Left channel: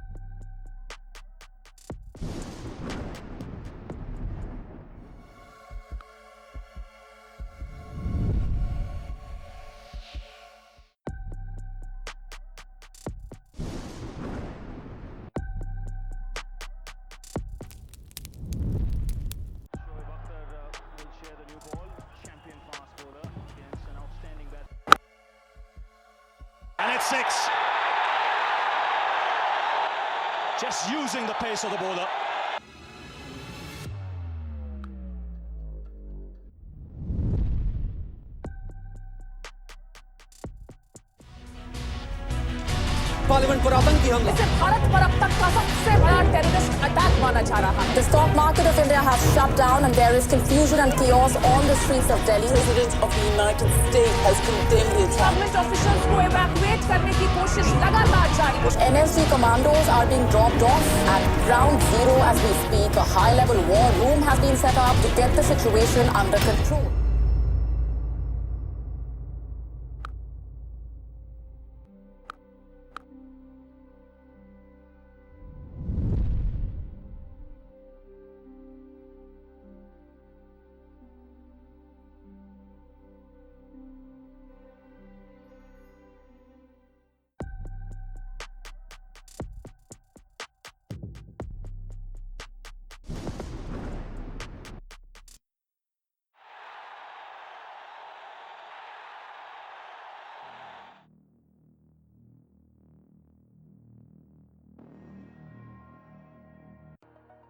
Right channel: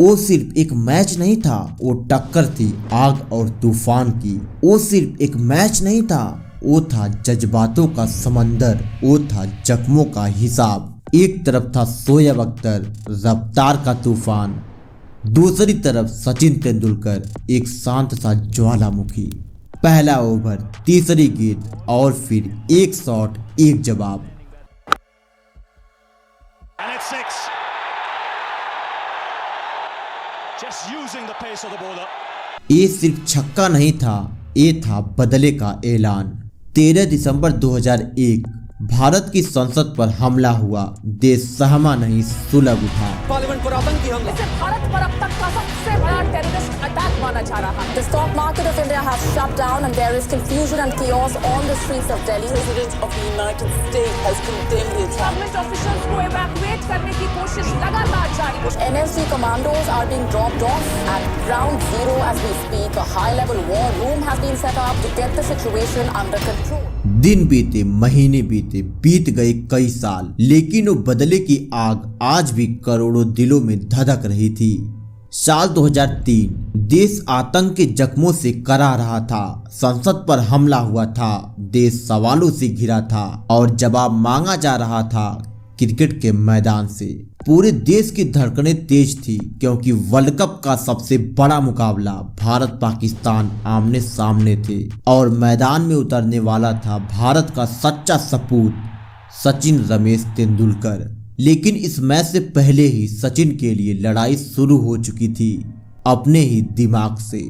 वो सिर्फ एक मैच नहीं था, वो टक्कर थी आग और तूफान की। वो सिर्फ एक मैच नहीं था, वो था जज्बातों का समंदर, वो था जख्मों का हिसाब। एक तरफ था शोएब अख्तर, रफ्तार का तूफान, दूसरी तरफ सचिन तेंदुलकर, एक शांत सा ज्वालामुखी। पहला ओवर, तीसरी गेंद और फिर एक शॉट, एक जवाब। ये सिर्फ छक्का नहीं था, ये था बदले का ऐलान। 13 दिसंबर 2001 भारत की संसद पर हमला हुआ, देश सहमा नहीं सुलग उठा। पार्लियामेंट पर आतंकी हमला। इसे भारत पर अब तक का सबसे बड़ा टेररिस्ट अटैक माना जा रहा है। The stock market of India has shut down and there is confusion and chaos on the streets of Delhi. President of the United States has condemned the attack. Government officials को evacuate करने की कोशिश लगातार जारी है। NSG commandos are being dropped off at ground zero as we speak. A high-level war room has been set up to get the situation under control. दिन बीते, महीने बीते, बीत गए कई साल, लेकिन वो बदले की आग आज भी करोड़ों दिलों में धधक रही थी। साल 2003 देश आतंक के जख्मों से करा रहा था, संसद पर हमला हुआ था, देश सवालों से घिरा था और जवाब मांगा जा रहा था क्रिकेट के मैदान से। पूरे देश की धड़कनें तेज थी क्योंकि वर्ल्ड कप का सबसे बड़ा मुकाबला भारत पाकिस्तान आमने सामने थे और मैदान में उतरने वाला था भारत का सच्चा सपूत सचिन रमेश तेंदुलकर। लेकिन इस मैच से पहले ही सचिन के लिए लड़ाई शुरू हो चुकी थी, अपने ही दिमाग से।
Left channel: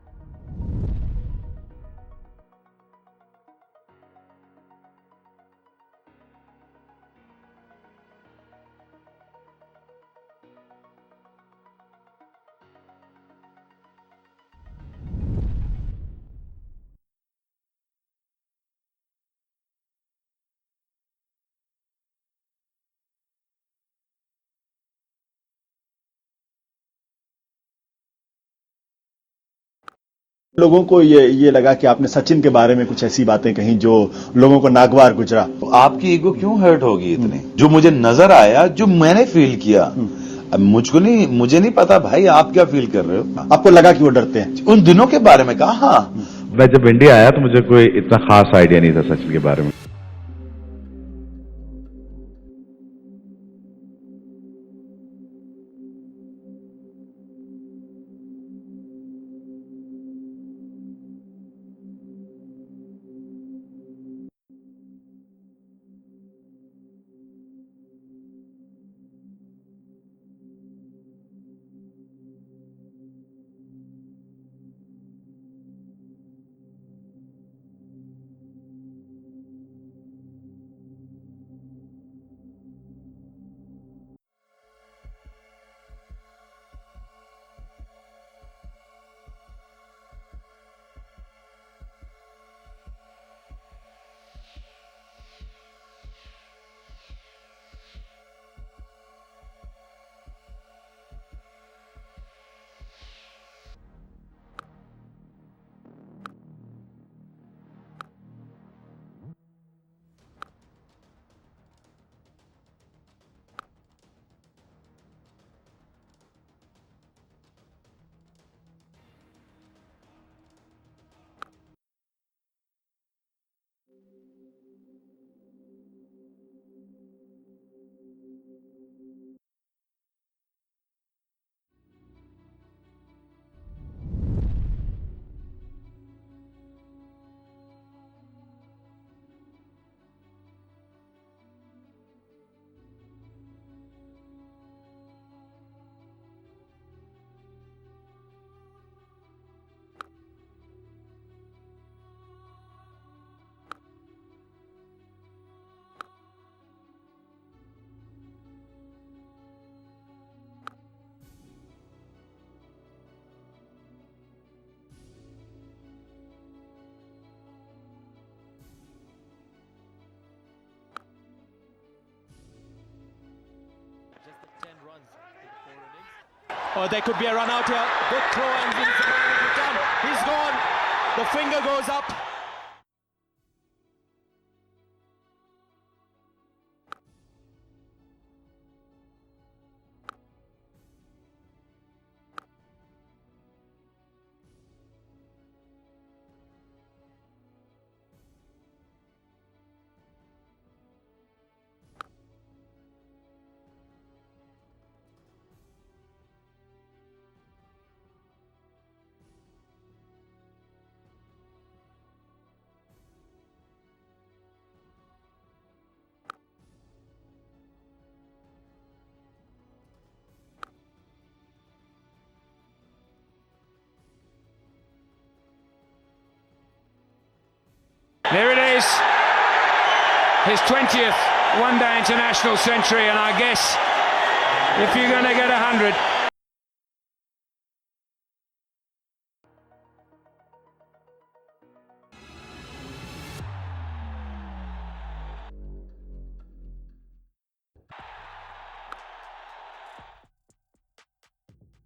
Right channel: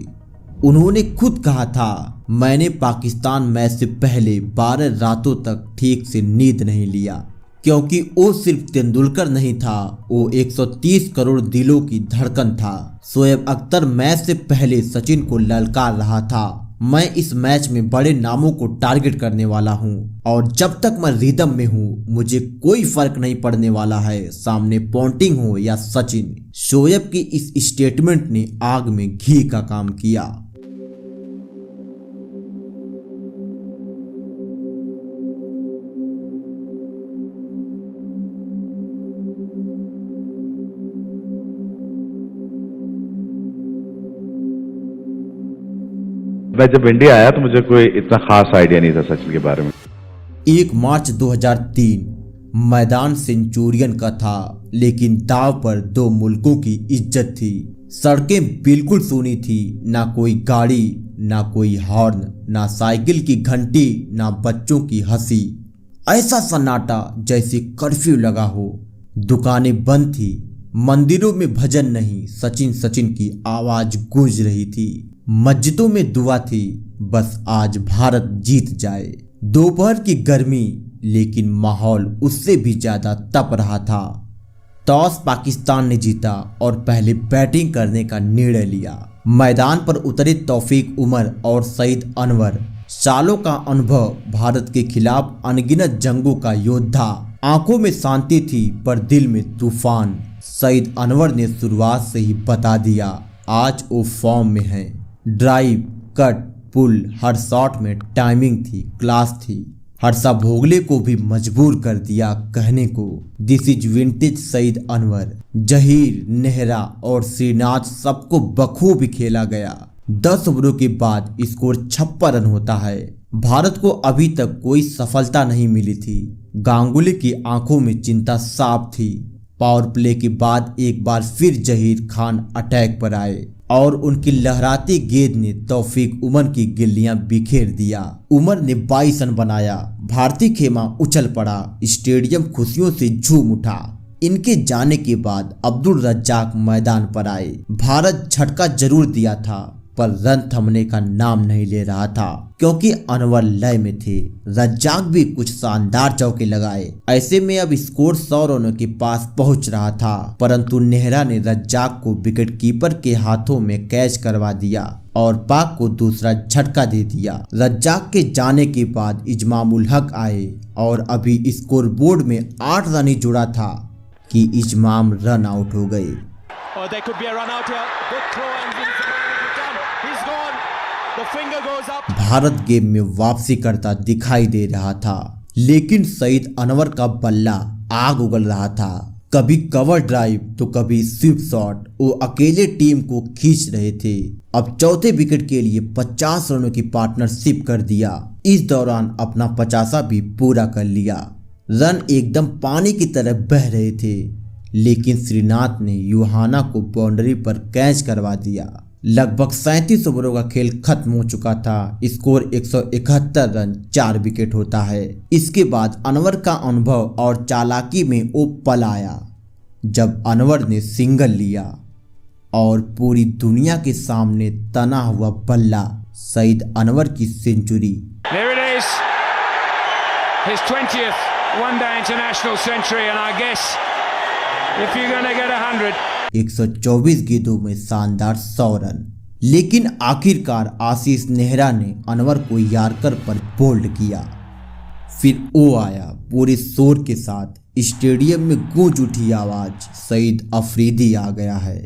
उन्होंने खुद कहा था, मैंने पाकिस्तान मैच से पहले 12 रातों तक ठीक से नींद नहीं लिया, क्योंकि वो सिर्फ तेंदुलकर नहीं था, वो 130 करोड़ दिलों की धड़कन था। शोएब अख्तर मैच से पहले सचिन को ललकार रहा था, मैं इस मैच में बड़े नामों को टारगेट करने वाला हूं और जब तक मैं रिदम में हूं मुझे कोई फर्क नहीं पड़ने वाला है, सामने पोंटिंग हो या सचिन। शोएब की इस स्टेटमेंट ने आग में घी का काम किया। लोगों को ये लगा कि आपने सचिन के बारे में कुछ ऐसी बातें कही जो लोगों को नागवार गुजरा। तो आपकी ईगो क्यों हर्ट होगी इतनी? जो मुझे नजर आया, जो मैंने फील किया, अब मुझे नहीं पता भाई आप क्या फील कर रहे हो। आपको लगा कि वो डरते हैं? उन दिनों के बारे में कहा। मैं जब इंडिया आया तो मुझे कोई इतना खास आइडिया नहीं था सचिन के बारे में। 1 मार्च 2003 मैदान सेंचुरियन का था, लेकिन दाव पर 2 मुल्कों की इज्जत थी। सड़कें बिल्कुल सूनी थी, ना कोई गाड़ी, ना कोई हॉर्न, ना साइकिल की घंटी, ना बच्चों की हंसी। ऐसा सन्नाटा जैसे कर्फ्यू लगा हो। दुकानें बंद थी, मंदिरों में भजन नहीं, सचिन सचिन की आवाज गूंज रही थी। मस्जिदों में दुआ थी, बस आज भारत जीत जाए। दोपहर की गर्मी, लेकिन माहौल उससे भी ज्यादा तप रहा था। टॉस पाकिस्तान ने जीता और पहले बैटिंग करने का निर्णय लिया। मैदान पर उतरे तौफीक उमर और सईद अनवर, सालों का अनुभव, भारत के खिलाफ अनगिनत जंगों का योद्धा। आंखों में शांति थी पर दिल में तूफान। सईद अनवर ने शुरुआत से ही बता दिया, आज वो फॉर्म में है। ड्राइव, कट, पुल, हर शॉट में टाइमिंग थी, क्लास थी। हर्षा भोगले को भी मजबूर कर दिया कहने को, this is vintage Saeed Anwar. Zaheer, Nehra और श्रीनाथ सबको बखूबी खेला गया। 10 ओवरों के बाद स्कोर 56 रन होता है। भारत को अभी तक कोई सफलता नहीं मिली थी। गांगुली की आंखों में चिंता साफ थी। पावर प्ले के बाद एक बार फिर जहीर खान अटैक पर आए और उनकी लहराती गेंद ने तौफीक उमर की गिल्लियां बिखेर दिया। उमर ने 22 रन बनाया। भारतीय खेमा उछल पड़ा, स्टेडियम खुशियों से झूम उठा। इनके जाने के बाद अब्दुल रज्जाक मैदान पर आए। भारत झटका जरूर दिया था पर रन थमने का नाम नहीं ले रहा था, क्योंकि अनवर लय में थे। रज्जाक भी कुछ शानदार चौके लगाए। ऐसे में अब स्कोर 100 रनों के पास पहुंच रहा था, परंतु नेहरा ने रज्जाक को विकेट कीपर के हाथों में कैच करवा दिया और पाक को दूसरा झटका दे दिया। रज्जाक के जाने के बाद इजमामुल हक आए और अभी स्कोर बोर्ड में 8 रन ही जुड़ा था कि इजमाम रन आउट हो गए। भारत गेम में वापसी करता दिखाई दे रहा था, लेकिन सईद अनवर का बल्ला आग उगल रहा था। कभी कवर ड्राइव तो कभी स्वीप शॉट, वो अकेले टीम को खींच रहे थे। अब चौथे विकेट के लिए 50 रनों की पार्टनरशिप कर दिया। इस दौरान अपना 50 भी पूरा कर लिया। रन एकदम पानी की तरह बह रहे थे, लेकिन श्रीनाथ ने यूहाना को बाउंड्री पर कैच करवा दिया। लगभग 37 ओवरों का खेल खत्म हो चुका था। स्कोर 171 रन 4 विकेट होता है। इसके बाद अनवर का अनुभव और चालाकी में वो पल आया जब अनवर ने सिंगल लिया और पूरी दुनिया के सामने तना हुआ बल्ला सईद अनवर की century. There it is, his 20th one-day international century, and I guess if you're going to get 100, 124 गेंदों में शानदार 100 रन। लेकिन आखिरकार आशीष नेहरा ने अनवर को यार्कर पर बोल्ड किया। फिर वो आया पूरे शोर के साथ। स्टेडियम में गूंज उठी आवाज, सईद अफरीदी आ गया है।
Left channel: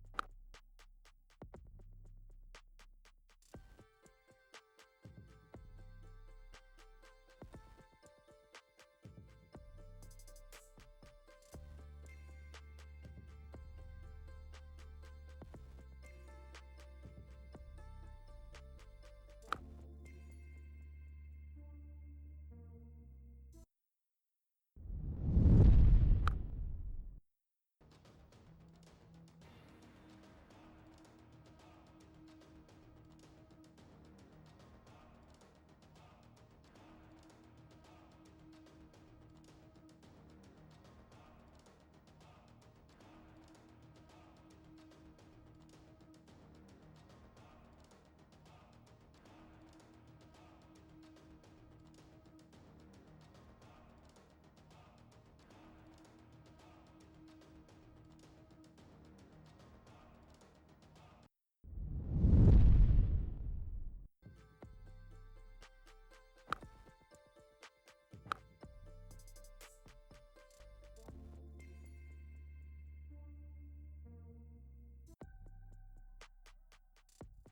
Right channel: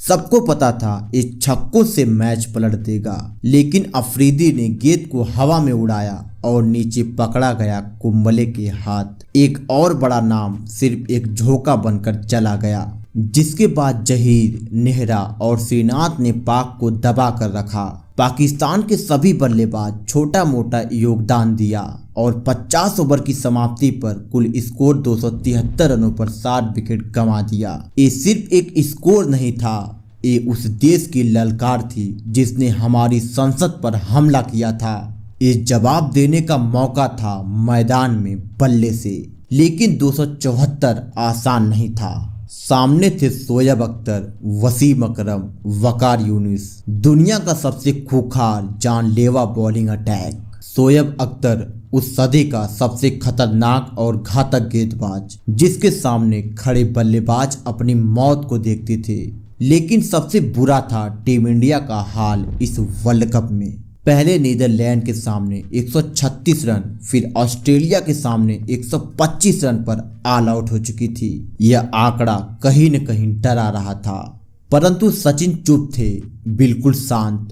सबको पता था इस छक्कों से मैच पलट देगा, लेकिन अफरीदी ने गेंद को हवा में उड़ाया और नीचे पकड़ा गया कुंबले के हाथ। एक और बड़ा नाम सिर्फ एक झोंका बनकर चला गया, जिसके बाद जहीर, नेहरा और श्रीनाथ ने पाक को दबा कर रखा। पाकिस्तान के सभी बल्लेबाज छोटा मोटा योगदान दिया और 50 ओवर की समाप्ति पर कुल स्कोर 273 रनों पर 60 विकेट गंवा दिया। ये सिर्फ एक स्कोर नहीं था, ये उस देश की ललकार थी जिसने हमारी संसद पर हमला किया था। ये जवाब देने का मौका था मैदान में बल्ले से, लेकिन 274 आसान नहीं था। सामने थे शोएब अख्तर, वसीम अकरम, वकार यूनिस, दुनिया का सबसे खूंखार जानलेवा बॉलिंग अटैक। शोएब अख्तर उस सदी का सबसे खतरनाक और घातक गेंदबाज, जिसके सामने खड़े बल्लेबाज अपनी मौत को देखते थे। लेकिन सबसे बुरा था टीम इंडिया का हाल इस वर्ल्ड कप में। पहले नीदरलैंड के सामने 136 रन, फिर ऑस्ट्रेलिया के सामने 125 रन पर ऑल आउट हो चुकी थी। यह आंकड़ा कहीं न कहीं डरा रहा था, परंतु सचिन चुप थे, बिल्कुल शांत।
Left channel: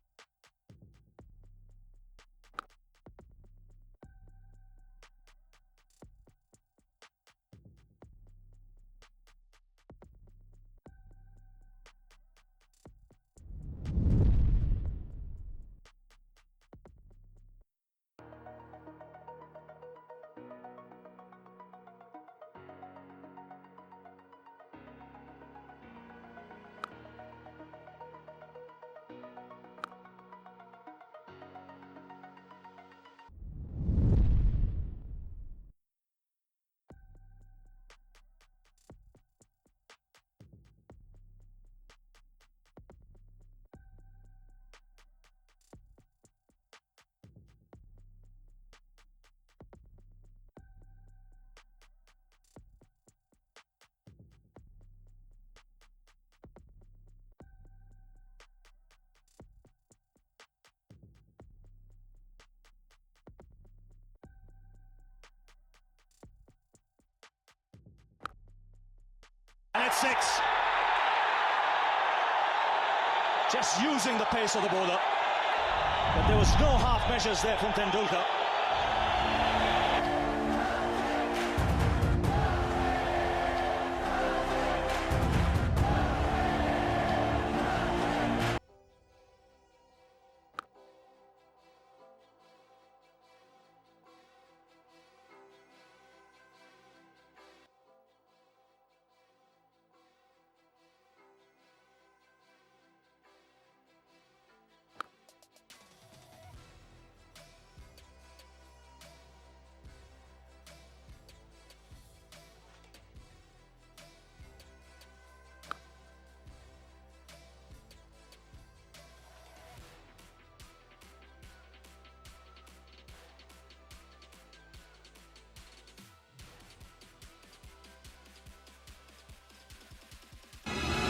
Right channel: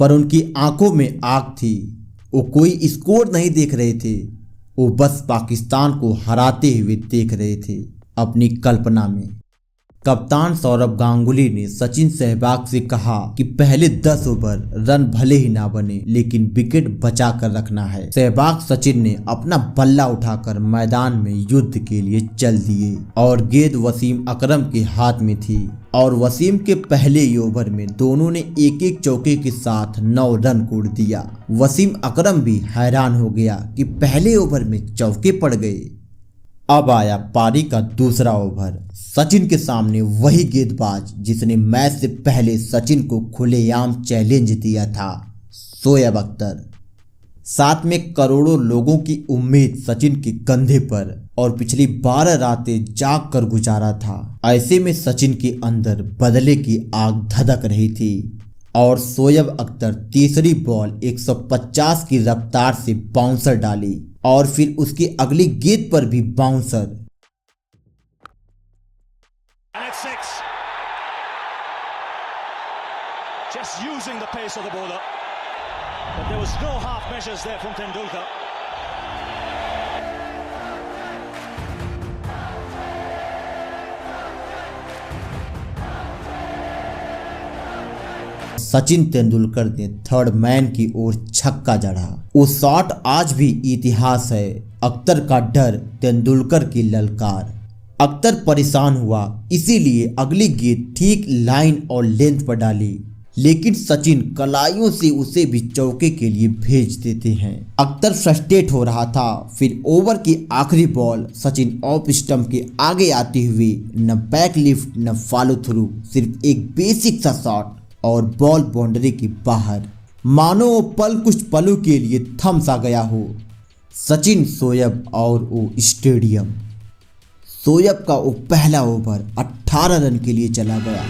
पर उनकी आंखों में आग थी। वो कोई स्कोर नहीं देख रहे थे, वो बस पाकिस्तान को हराते हुए देख रहे थे अपनी कल्पना में। कप्तान सौरभ गांगुली ने सचिन सहवाग से कहा कि पहले 10 ओवर रन भले ही ना बने, लेकिन विकेट बचा कर रखना है। सहवाग सचिन ने अपना बल्ला उठाकर मैदान में युद्ध के लिए चल दिए और गेंद वसीम अकरम के हाथ में थी और वसीम के पहले ही ओवर में दोनों ने एक एक चौके के साथ 9 रन कोड़ दिया। वसीम अकरम भी हैरान हो गया कि पहले ओवर में चौके पड़ गए। अब आया पारी का दूसरा ओवर। सचिन के सामने वही गेंदबाज जिसने मैच से पहले सचिन को खुलेआम चैलेंज दिया था, शोएब अख्तर। साथ में करोड़ों लोगों की उम्मीद सचिन के कंधे पर और पिछली 12 रातें जाग कर गुजारा था। ऐसे में सचिन के अंदर बदले की आग धधक रही थी और शोएब अख्तर तीसरी बॉल 150 की रफ्तार से बाउंसर डाली और फिर उसकी अगली गेंद पर भी bouncer. Just using the pace of the bowler. There was no half measures there from Tendulkar. Sachin Tendulkar ने थर्ड मैन की ओर छक्का जड़ा। वो शॉट आज भी इतिहास है। अख्तर का डर, तेंदुलकर की ललकार। अख्तर परेशान हुआ, इसीलिए अगली गेंद ठीक लाइन और लेंथ पर डाली, लेकिन सचिन कलाइयों से उसे भी चौके के लिए भेज देते हैं। अख्तर फ्रस्ट्रेट हो रहा था। फिर ओवर की आखिरी बॉल सचिन ऑफ स्टंप के आगे आते हुए न बैक लिफ्ट न फॉलो थ्रू, सिर्फ एक बेसिक सा शॉट और बॉल बाउंड्री के बाहर। मानो वो पल कुछ पलों के लिए थम सा गया हो। सचिन, शोएब और वो स्टेडियम। शोएब का वो पहला ओवर 18 रन के लिए चला गया,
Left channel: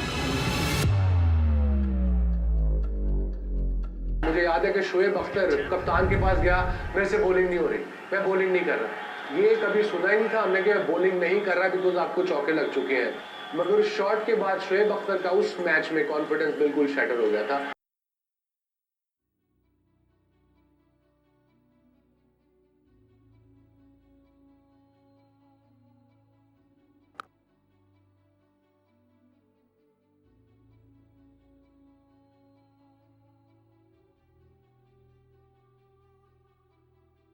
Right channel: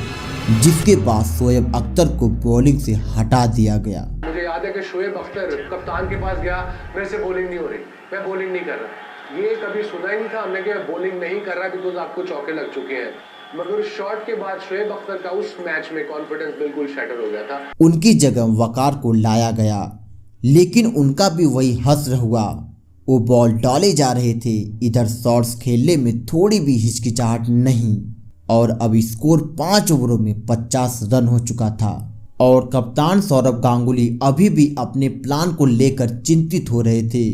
जिसके बाद शोएब अख्तर को बॉलिंग से हटा दिया गया। मुझे याद है कि शोएब अख्तर कप्तान के पास गया, मेरे से बॉलिंग नहीं हो रही, मैं बॉलिंग नहीं कर रहा। ये कभी सुना ही नहीं था हमने कि बॉलिंग नहीं कर रहा बिकॉज आपको चौके लग चुके हैं। मगर शॉट के बाद शोएब अख्तर का उस मैच में कॉन्फिडेंस बिल्कुल शैटर हो गया था। उनकी जगह वकार को लाया गया, लेकिन उनका भी वही हश्र हुआ। वो बॉल डाले जा रहे थे, इधर शॉट्स खेलने में थोड़ी भी हिचकिचाहट नहीं। और अब स्कोर 5 ओवरों में 50 रन हो चुका था और कप्तान सौरभ गांगुली अभी भी अपने प्लान को लेकर चिंतित हो रहे थे,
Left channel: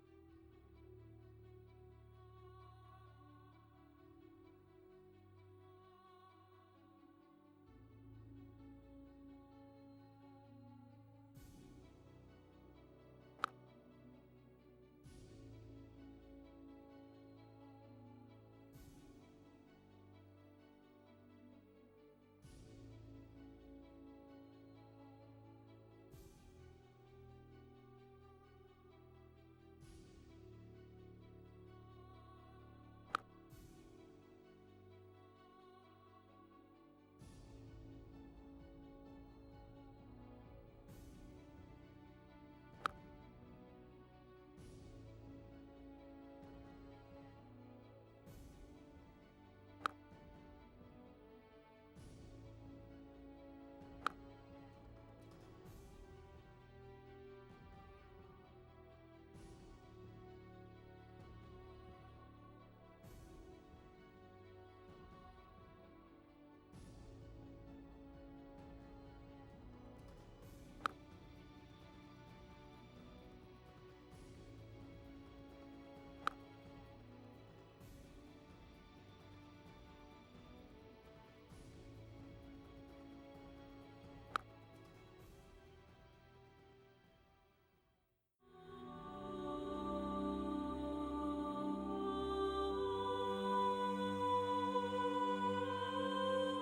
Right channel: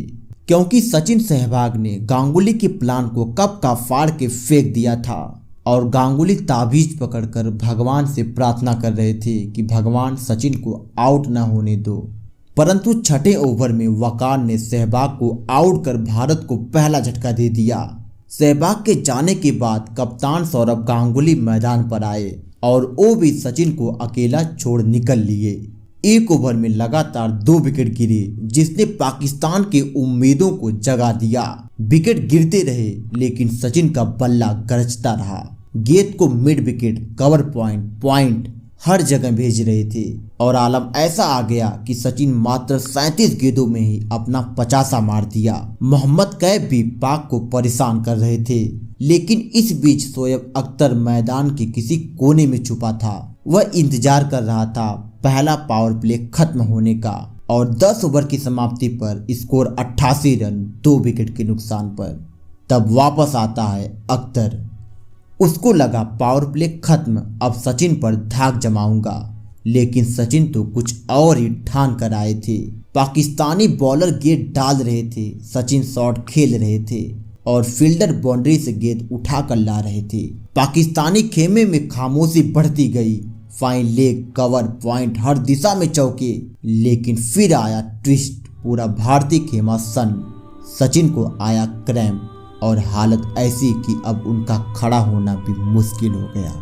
क्योंकि सचिन सहवाग ने गांगुली के प्लान को कब का फाड़ के फेंक दिया था और गांगुली ताबीज पकड़कर भगवान से प्रार्थना कर रहे थे कि भगवान सचिन को आउट न होने दो। परंतु छठे ओवर में वकार ने सहवाग को आउट कर भारत को पहला झटका दे दिया। सहवाग के जाने के बाद कप्तान सौरभ गांगुली मैदान पर आए और वो भी सचिन को अकेला छोड़ निकल लिए। एक ओवर में लगातार 2 विकेट गिरे, जिसने पाकिस्तान के उम्मीदों को जगा दिया। विकेट गिरते रहे लेकिन सचिन का बल्ला गरजता रहा। गेंद को मिड विकेट, कवर पॉइंट हर जगह भेज रहे थे और आलम ऐसा आ गया कि सचिन मात्र 37 गेंदों में ही अपना 50 मार दिया। मोहम्मद कैफ भी पाक को परेशान कर रहे थे, लेकिन इस बीच शोएब अख्तर मैदान के किसी कोने में छुपा था। वह इंतजार कर रहा था पहला पावर प्ले खत्म होने का और 10 ओवर की समाप्ति पर स्कोर 88 रन 2 विकेट के नुकसान पर। तब वापस आता है अख्तर। उसको लगा पावर प्ले खत्म, अब सचिन पर धाक जमाऊंगा, लेकिन सचिन तो कुछ और ही ठान कर आए थे। पाकिस्तानी बॉलर गेंद डाल रहे थे, सचिन शॉट खेल रहे थे और फील्डर बाउंड्री से गेंद उठा कर ला रहे थे। पाकिस्तानी खेमे में खामोशी बढ़ती गई। फाइन लेग, कवर पॉइंट, हर दिशा में चौके, लेकिन फिर आया ट्विस्ट। पूरा भारतीय खेमा सन। सचिन को आया क्रैम्प और हालत ऐसी कि अब उनका खड़ा होना भी मुश्किल हो गया।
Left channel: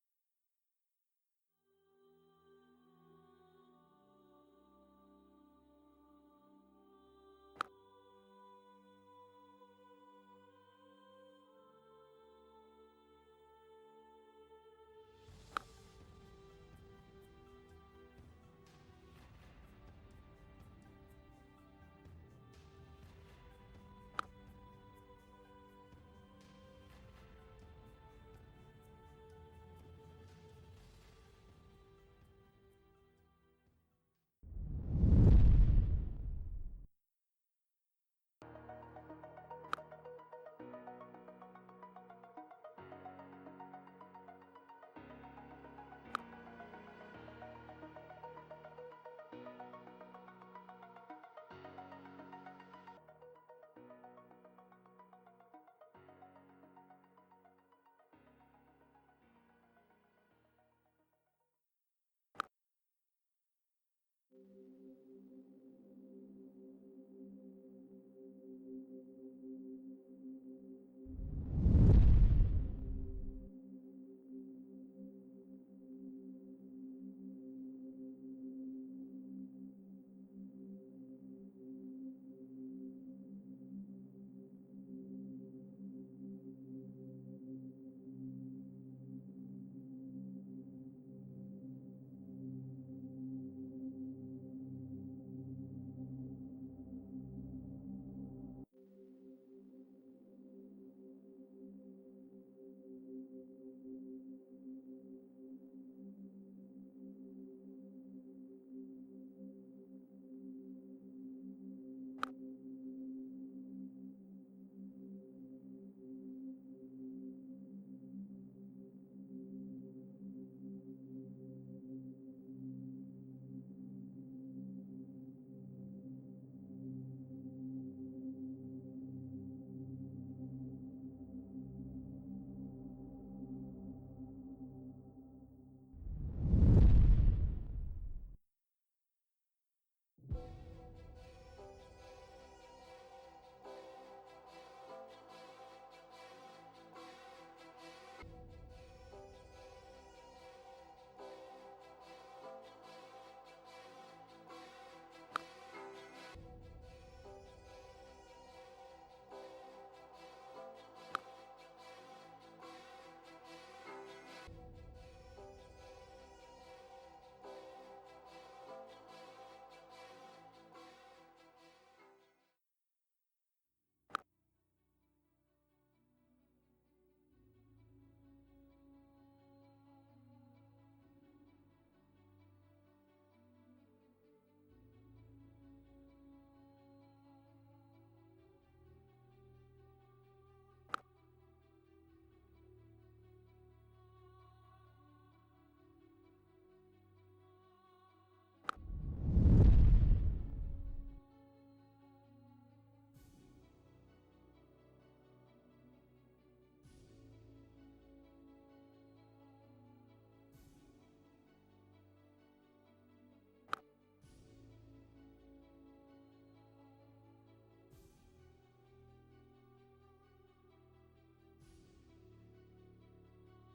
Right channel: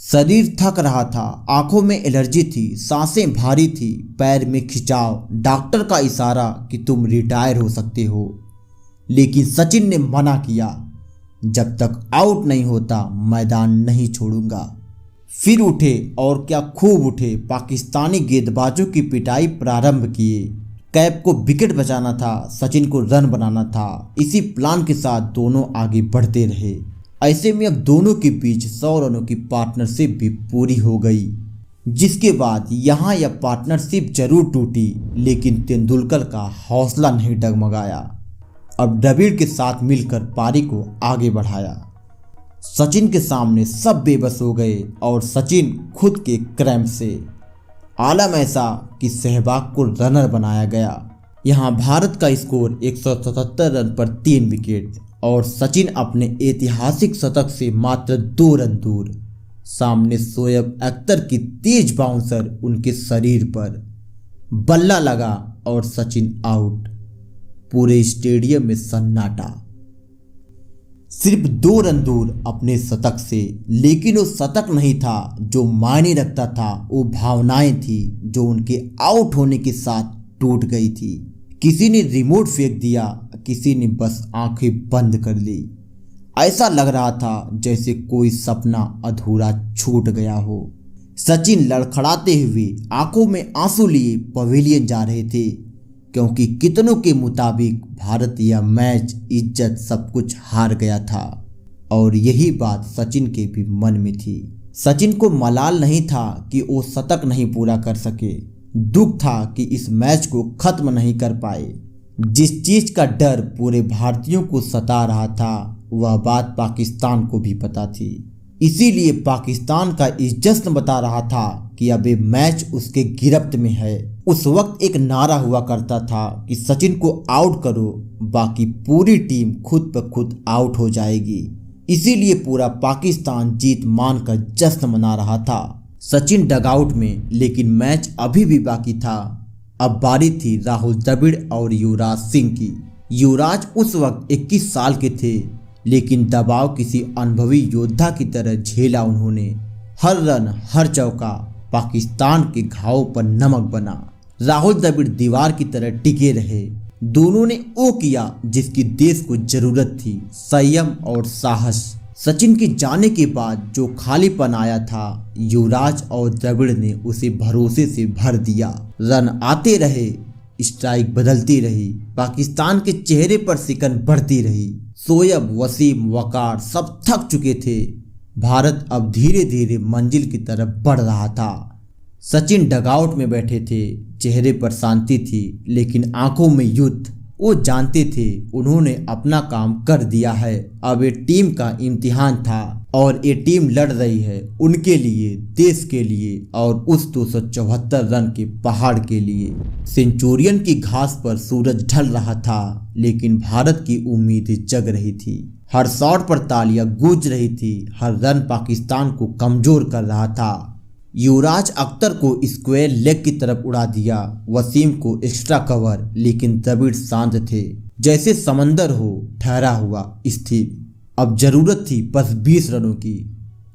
शरीर थक रहा था, आंखों में एलर्जी थी, सांसें भारी थी, पैर में खिंचाव, डॉक्टर का इशारा कि तुम रिटायर हो सकते हो। लेकिन सचिन ने मना किया, जब तक आउट नहीं होता मैदान नहीं छोड़ूंगा। फिर उठे और क्या खूब उठे। पाकिस्तानी गेंदबाजों की पिटाई प्रारंभ किए। कैफ को विकेट बचाना था, सचिन को रन बनाना था। इसी प्लान के साथ दोनों आगे बढ़ते रहे। ऐसे में अब दोनों के बीच 100 रनों की पार्टनरशिप भी पूरी हो गई, जिसके बाद यहाँ यह पार्टनरशिप जरूर टूटी, लेकिन तेंदुलकर का हौसला नहीं डगमगाया। अब द्रविड़ के साथ मिलकर पारी को आगे बढ़ाया। सचिन के सामने सब बेबस हो गए और सचिन खुद के क्रैम्प से। आलम ऐसा कि सहवाग को रनर बनाया गया। यहाँ भारत का स्कोर 177 रन पर 3 विकेट और सचिन अपने ऐतिहासिक शतक से मात्र 2 रन दूर। सामने शोएब अख्तर की तेज बाउंसर उनके शरीर पर। बल्ला लगा और सचिन आउट। पूरे स्टेडियम में सन्नाटा। सिर्फ 2 रन दूर अपने शतक से, लेकिन वो शतक नहीं था जो मायने रखता था, वो भावनाएं थी जो उनके आउट होने के साथ टूट गई थी। किसी ने रिमोट फेंक दिया, किसी ने बस आंखें बंद कर ली। ऐसा लग रहा था जैसे कोई सपना अधूरा छूट गया हो। सचिन लड़खड़ाते हुए आंखों में आंसू लिए पवेलियन जा रहे थे, क्योंकि कितनों के मुताबिक भारत यह मैच इज्जत सब कुछ हार गया था और यही बात सचिन के भी मन में थी। सचिन को मलाल नहीं था कि वो शतक नहीं पूरा कर सके, दुख था कि इस मैच को खत्म नहीं कर पाए। जिस चीज का डर पूरे भारतीयों को सता रहा था वह बात पाकिस्तान को भी पता थी। इसीलिए पाकिस्तान का इस जश्न बता रहा था कि अब ये मैच उसके गिरफ्त में है। उस वक्त एक नारा हुआ करता था कि सचिन को आउट करो, बाकी पूरी टीम खुद ब खुद आउट हो जाएगी। इसीलिए पूरा पाकिस्तान जीत मानकर जश्न मना रहा था। सचिन डगआउट में, लेकिन मैच अभी भी बाकी था। अब बारी थी राहुल द्रविड़ और युवराज सिंह की। युवराज उस वक्त 21 साल के थे, लेकिन दबाव किसी अनुभवी योद्धा की तरह झेला उन्होंने। हर रन, हर चौका पाकिस्तान के घावों पर नमक बना। राहुल द्रविड़ दीवार की तरह टिके रहे। दोनों ने वो किया जिसकी देश को जरूरत थी, संयम और साहस। सचिन के जाने के बाद जो खालीपन आया था, युवराज और द्रविड़ ने उसे भरोसे से भर दिया। रन आते रहे, स्ट्राइक बदलती रही, पाकिस्तान के चेहरे पर सिकन बढ़ती रही। शोएब, वसीम, वकार सब थक चुके थे। भारत अब धीरे धीरे मंजिल की तरफ बढ़ रहा था। सचिन डगआउट में बैठे थे, चेहरे पर शांति थी लेकिन आंखों में युद्ध। वो जानते थे उन्होंने अपना काम कर दिया है, अब ये टीम का इम्तिहान था और ये टीम लड़ रही है उनके लिए, देश के लिए और उस 274 रन के पहाड़ के लिए। सेंचुरियन की घास पर सूरज ढल रहा था लेकिन भारत की उम्मीद जग रही थी। हर शॉट पर तालियां गूंज रही थी, हर रन पाकिस्तान को कमजोर कर रहा था। युवराज अख्तर को स्क्वायर लेग की तरफ उड़ा दिया, वसीम को एक्स्ट्रा कवर, लेकिन द्रविड़ शांत थे, जैसे समंदर हो ठहरा हुआ स्थिर। अब जरूरत थी बस 20 रनों की।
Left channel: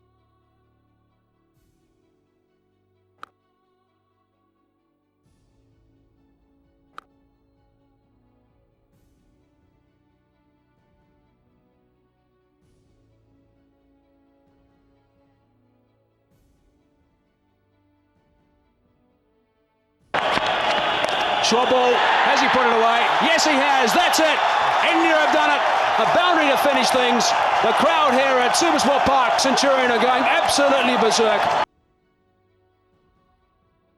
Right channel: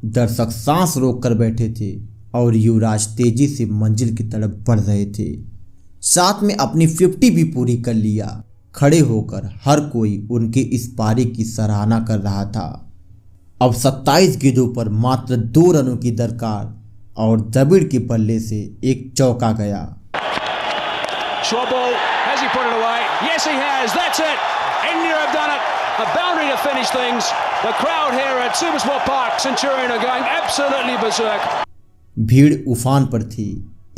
दर्शक सांस रोक कर बैठे थे और युवराज तेजी से मंजिल की तरफ बढ़ रहे थे। साथ में अपनी 50 भी पूरी कर लिया। खड़े होकर हर कोई उनके इस पारी की सराहना कर रहा था। अब 27 गेंदों पर मात्र 2 रनों की दरकार और द्रविड़ के बल्ले से एक चौका गया। Short ball, has he put it away? Yes, he has. That's it. India have done it. A boundary to finish things. The crowd here at Supersport Park, Centurion are going absolutely berserk. भीड़ उफान पर थी।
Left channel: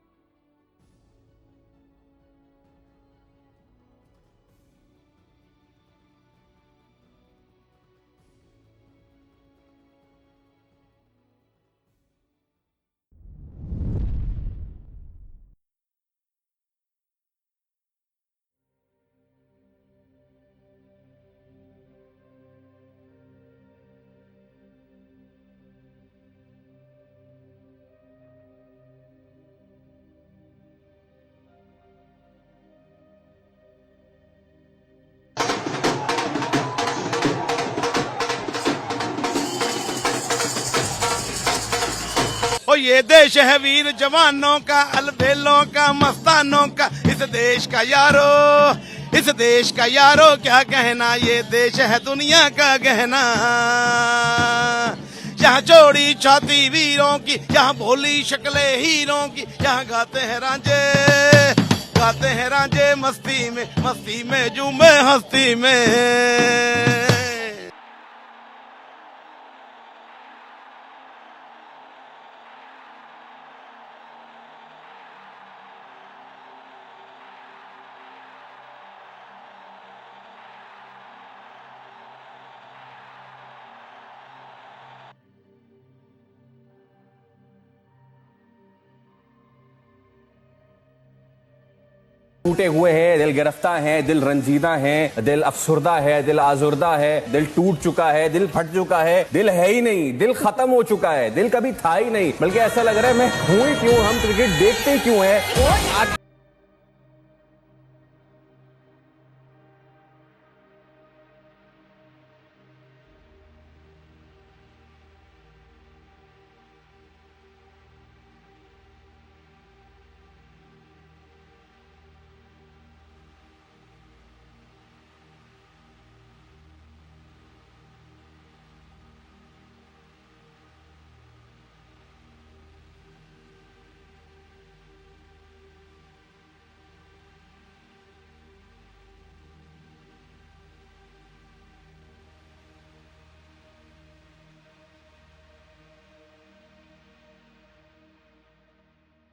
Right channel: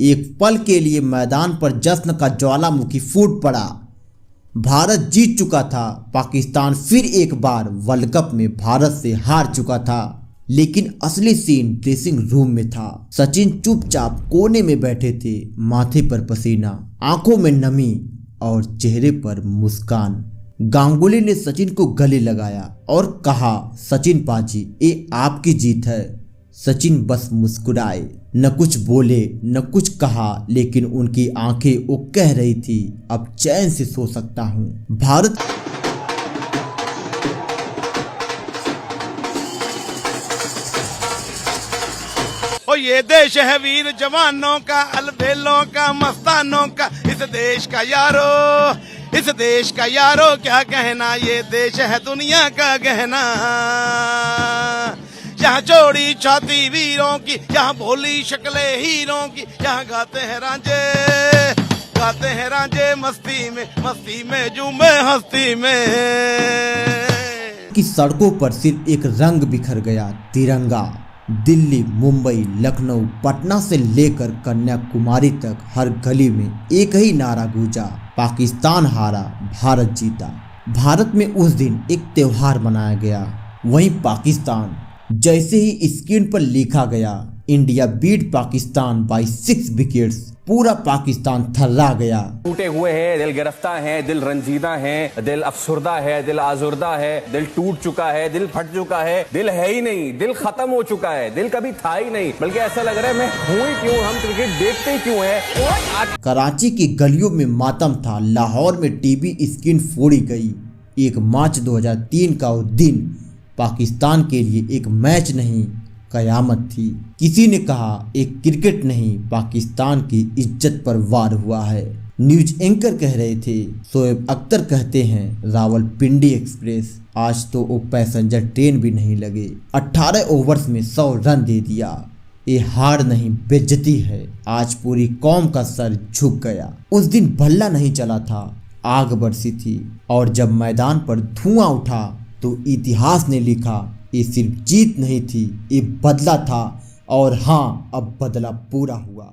एक पल के लिए मैदान पर जश्न का ज्वालामुखी फूट पड़ा। भारत जीत चुका था। पाकिस्तान फिर एक बार वर्ल्ड कप में भारत से हार चुका था, लेकिन असली सीन ड्रेसिंग रूम में था। सचिन चुपचाप कोने में बैठे थे, माथे पर पसीना, आंखों में नमी और चेहरे पर मुस्कान। गांगुली ने सचिन को गले लगाया और कहा, सचिन पाजी, ये आपकी जीत है। सचिन बस मुस्कुराए, न कुछ बोले न कुछ कहा, लेकिन उनकी आंखें वो कह रही थी, अब चैन से सो सकता हूँ। भारत ओ ये देश है वीर जवानों का, अलबेलों का, मस्तानों का, इस देश का यारो, इस देश का यारो क्या कहना, ये देश है दुनिया का गहना। यहाँ चौड़ी छाती वीरों की, यहाँ भोली शक्लें हीरों की, यहाँ गाते हैं रांझे मस्ती में झूमे हस्ती में। की सड़कों पर सिर्फ एक रंग बिखर गया, तिरंगा। दिल्ली, मुंबई, लखनऊ, पटना से लेकर कन्याकुमारी तक हर गली में एक ही नारा गूंजा, पाकिस्तान हारा, भारत जीता। भारत में उस दिन एक त्योहार मनाया गया। वहीं पाकिस्तान, जैसे ही स्क्रीन पर लिखा गया India beat Pakistan by 6 wickets, पूरा पाकिस्तान थर्रा गया। टूटे हुए हैं, दिल गिरफ्तार है, दिल रंजीदा है, दिल अफसुर्दा है, दिल आजुर्दा है, दिल टूट चुका है, दिल फट चुका है, दिल है ही नहीं, दिल खत्म हो चुका है, दिल कभी था ही नहीं, बल्कि ऐसा लग रहा है मैं हूं ही क्यों, हम क्रिकेट देखते ही क्यों है। कराची की गलियों में मातम था, लाहौर में टीवी स्क्रीन फोड़ी गई। 1 मार्च 2003 का वो दिन पाकिस्तान के लिए एक मैच नहीं, कयामत थी। किसी ने कहा एक क्रिकेट नहीं, पाकिस्तान की इज्जत पर वार हुआ है। न्यूज एंकर कह रहे थे, शोएब अख्तर कहते हैं रावलपिंडी एक्सप्रेस, आज तो वो पैसेंजर ट्रेन भी नहीं लगे। 18 ओवर्स में 100 रन दे दिया। ये हार नहीं, बेइज्जती है। आज पूरी कौम का सर झुक गया। उस दिन भल्ला नहीं चला था, आग बरसी थी, और जब मैदान पर धुआं उठा तो इतिहास ने लिखा, ये सिर्फ जीत नहीं थी, ये बदला था। और हाँ, अब बदला पूरा हुआ।